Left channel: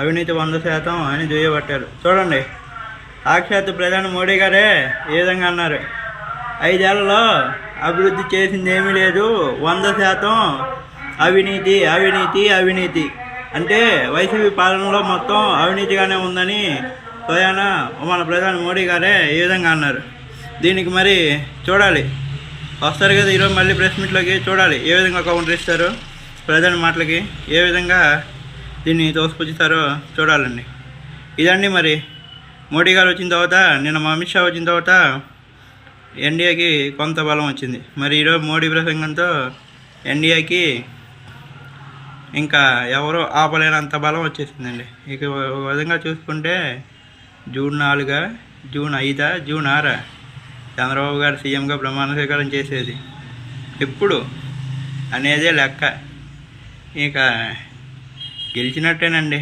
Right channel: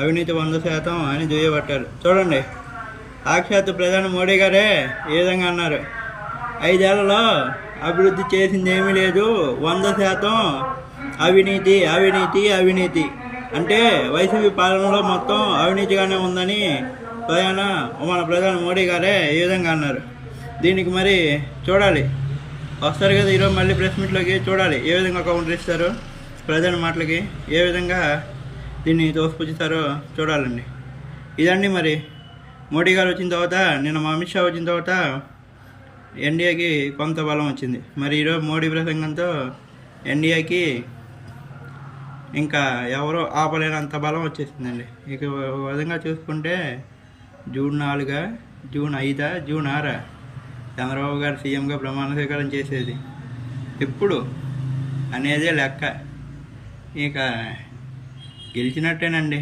అవినీతి 100% అని దుయ్యబట్టారు. చూడండి, సాక్షాత్ ప్రధాని మోడీ గారే ఏ విధంగా అన్నారు, 5 ఏళ్లలో అభివృద్ధి చేసింది ఏమీ లేదు, 100% అవినీతి అవినీతి అవినీతి. అంటే వైసీపీ పాలనలో మొత్తం అవినీతిగానే ఉందని స్వయాన మన ప్రధాని మోడీ గారే ఏ విధంగా అన్నారు. దీనికి మరి చూడాలి, వస్తారు కదా ఈరోజు మళ్ళీ ప్రెస్ మీట్లోకి, చూడాలి ఏ విధంగా కౌంటర్ ఇస్తారు ప్రధాని మాటలకి, ఏ విధంగా దీన్ని తోసిపుచ్చుతారో చూడాలండి. ఇదండి మరి మోడీ గారు వచ్చిన తర్వాత, నిన్న మా అమిత్ షా వచ్చిన తర్వాత ఎన్డీఏకి కొంత బలం వచ్చింది. మరి ఈరోజు మోడీ ప్రసంగంతో ఎన్డీఏకి ఇంకా ఎవరో ఆపలేనంత బలం వచ్చేసిందండి. ఇక ఒక విధంగా చూసుకుంటే జూన్ 4, జూన్ 5, జూన్ 6 చంద్రబాబు గారు సీఎంగా ప్రమాణ స్వీకారం చేసేది ఎప్పుడు అనేదే లెక్క. ఇక గెలిచినట్టేనండి.